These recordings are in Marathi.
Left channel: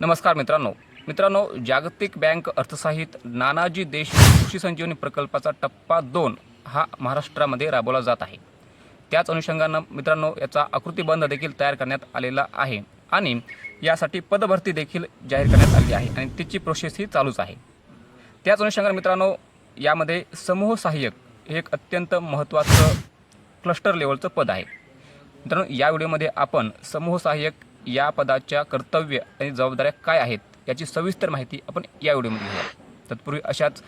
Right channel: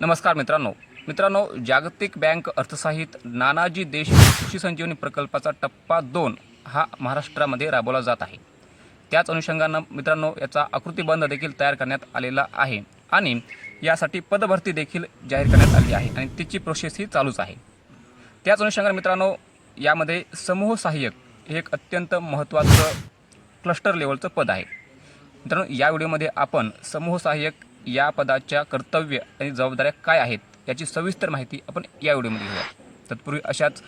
नमस्कार मित्रांनो. मित्रांनो जागतिक बँक अर्थसाहित नानाजी देश कृषी संजीवनी प्रकल्पाचा टप्पा दोन हा महाराष्ट्रामध्ये राबवला जात आहे. त्याच अनुषंगानं मित्रांनो याचा आकृतीबंध देखील तयार करण्यात आलेला आहे आणि यासाठी पदभरती देखील जाहीर करण्यात आली आहे आणि तिची प्रोसेस ही चालूच आहे. त्याच अनुषंगाने मित्रांनो यामध्ये समूह सहाय्यक हे एक अत्यंत महत्त्वाचं क्लस्टर लेवलचं पद आहे. मित्रांनो या व्हिडिओमध्ये आपण समूह सहाय्यक या पदाच्या कर्तव्य आणि जबाबदाऱ्या काय आहेत याची सविस्तर माहिती आपण या व्हिडिओमध्ये घेऊया. तत्पूर्वी अशाच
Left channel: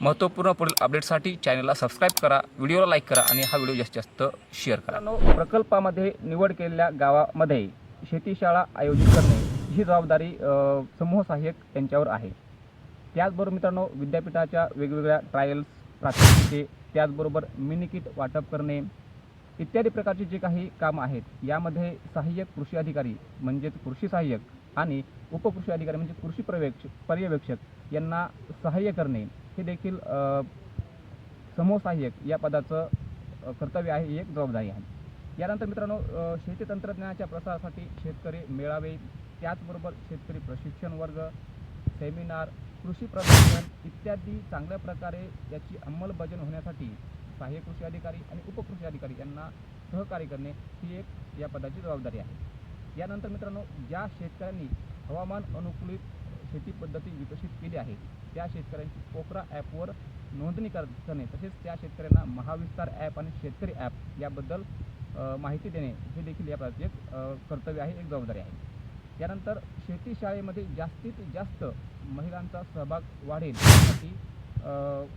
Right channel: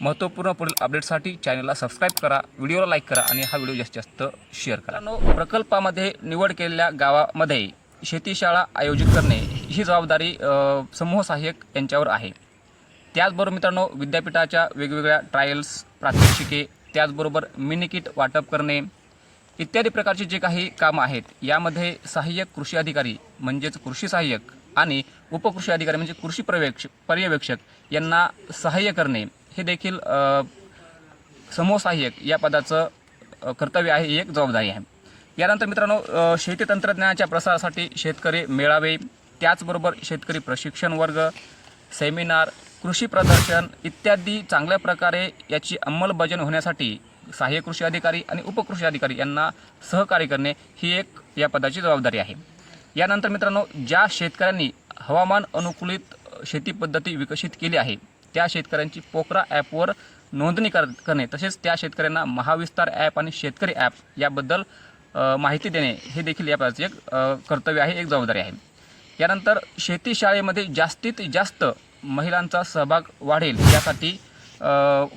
महत्त्वपूर्ण पुढील अपडेटसाठी चॅनलला सबस्क्राईब करा व्हिडिओला लाईक करा आणि हा व्हिडिओ जास्तीत जास्त शेअर करा. नो प्रकल्पामध्ये निवड केलेल्या गावामध्ये शेतीशाळा आयोजित करणे ही जबाबदारी समूह सहाय्यक यांच्यावर आहे. त्याचबरोबर मित्रांनो विद्यापीठाच्या वेगवेगळ्या ट्रायल्स प्रात्यक्षिके त्याचबरोबर मिनिकिट वाटप करणे इत्यादी प्रकारचे जे काही कामं आहेत यामध्ये सहाय्यक कृषी अधिकारी म्हणजेच कृषी सहाय्यक आणि उपकृषी अधिकारी म्हणजे कृषी पर्यवेक्षक पर्यवेक्षक यांना सहाय्य करणे हे देखील समूह सहाय्यक या पदाचं कर्तव्य आहे ही एक जबाबदारी आहे. यानंतर मित्रांनो शेती तंत्रज्ञानाच्या प्रसारासाठी शेतकरी मेळावे त्याचबरोबर शेतकरी प्रशिक्षण वर्ग सेमिनार कृषी प्रदर्शन इत्यादी चांगल्या प्रकारे याची अंमलबजावणी होण्यासाठी सहाय्यक कृषी अधिकारी आणि उपकृषी अधिकारी यांना सहकार्य करणे ही एक या पदाची जबाबदारी आहे. यानंतर मित्रांनो ज्या शेतकऱ्यांनी हवामान अनुकूलित शेती पद्धती विकसित केली आहे त्या शेतकऱ्यांची पोकरा ॲपवर नोंदणी कर करणे तसेच त्या शेतकऱ्यांना महाविस्तार ॲप आणि शेतकरी ॲप याबद्दल माहिती देणे हे देखील या पदाचे एक कर्तव्य आहे एक जबाबदारी आहे. यानंतर शेती शाळेमध्ये जास्तीत जास्त महिलांचा सहभाग वाढेल यासाठी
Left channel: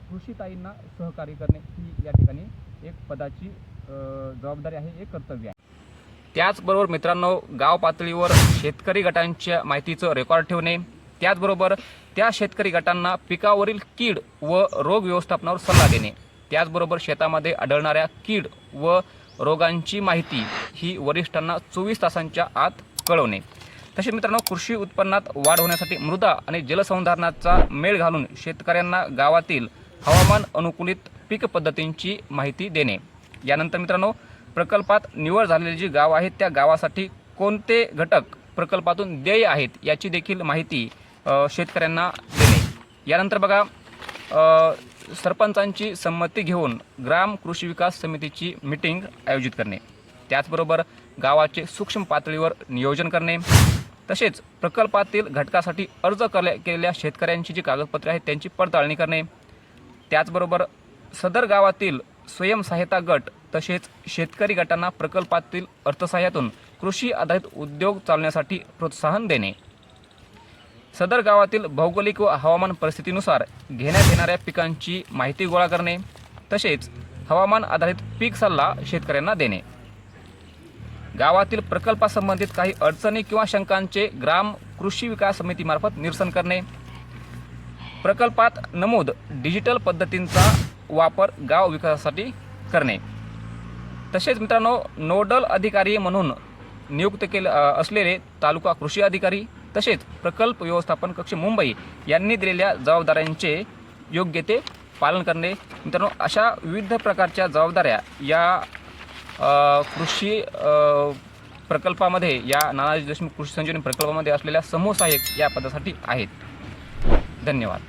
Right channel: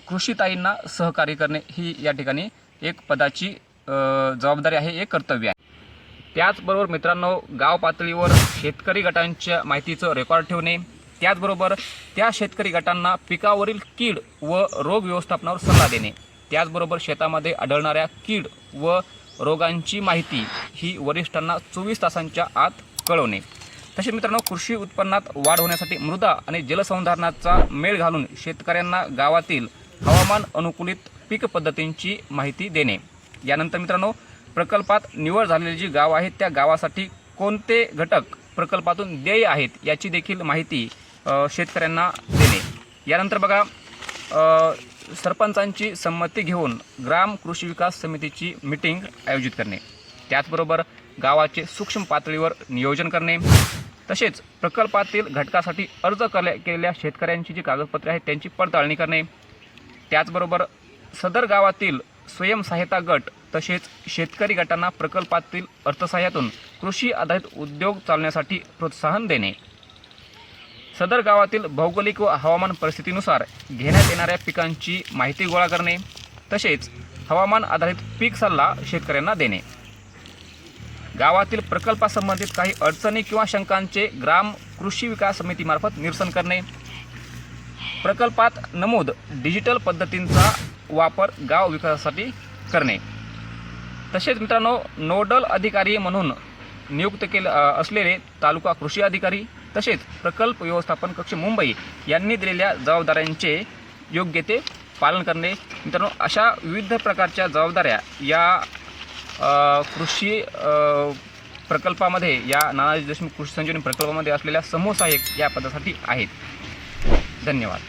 कृषीताईंना सहकार्य करणे ही या ठिकाणी एक पदाची जबाबदारी आहे एक कर्तव्य आहे. त्याचबरोबर मित्रांनो गाव पातळीवर शेतकरी गटांच्या माहितीचं रेकॉर्ड ठेवणे त्याचबरोबर त्या शेतकरी गटांना पिकावरील कीड व रोग व्यवस्थापनावर सल्ला देणे त्याचबरोबर शेतामध्ये आढळणाऱ्या कीड व रोगांची माहिती ही वरिष्ठांना चोवीस तासांच्या आत कळवणे. तसेच मित्रांनो कृषी उत्पन्नात वाढ होण्यासाठी मृदा आणि जलसंधारणाचा मेळ घालून शेतकऱ्यांना गावातील हवामान अनुकूलित पीक पद्धतींची माहिती देणे. यानंतर मित्रांनो प्रकल्पात निवड झालेली जी गाव आहेत त्या गावासाठी कोणते घटक प्रकल्पातून देय आहेत याची देखील माहिती शेतकऱ्यांना देणे. यानंतर बघा सरपंचांची संमती घेऊन ग्राम कृषी विकास समितीची मिटिंग आयोजित करणे. त्याचबरोबर गावाचे सूक्ष्म पातळीवर नियोजन करणे. तसेच प्रकल्पातील घटकासाठी अर्ज करल्या केलेल्या शेतकऱ्यांची जी कागदपत्रे आहेत त्यांची पडताळणी करणे. त्याचबरोबर सदर गावातील स्वयंसहायता गट तसेच शेतकरी गटांना प्रकल्पातील अर्थसहाय्यातून कृषी आधारित उद्योग चालण्यासाठी प्रोत्साहन देणे. सदर गावातील भौगोलिक व हवामान परिस्थितीनुसार घेण्यात येणाऱ्या पिकांची माहिती गोळा करणे. तसेच हवामान आधारित पीक सल्ला शेतकऱ्यांना देणे. गावातील प्रकल्पासंबंधित काही अडचणी किंवा शंकांचे ग्राम कृषी विकास समितीमार्फत निरसन करणे. प्रकल्पात नमूद डिजिटल पद्धतींचा वापर गाव विकासासाठी करणे. तसेच मित्रांनो नोडल अधिकारी म्हणून नियुक्त केले असलेले तालुका कृषी अधिकारी तसेच प्रकल्प व्यवस्थापन कक्ष मुंबई यांनी दिलेल्या जबाबदाऱ्यांचे योग्य ते पालन करणे. मित्रांनो अशा विविध प्रकारच्या जबाबदाऱ्या या कृषी प्रकल्पामध्ये या नानाजी देशमुख कृषी संजीवनी प्रकल्पामध्ये असलेल्या समूह सहाय्यक या पदासाठी आहेत. धन्यवाद.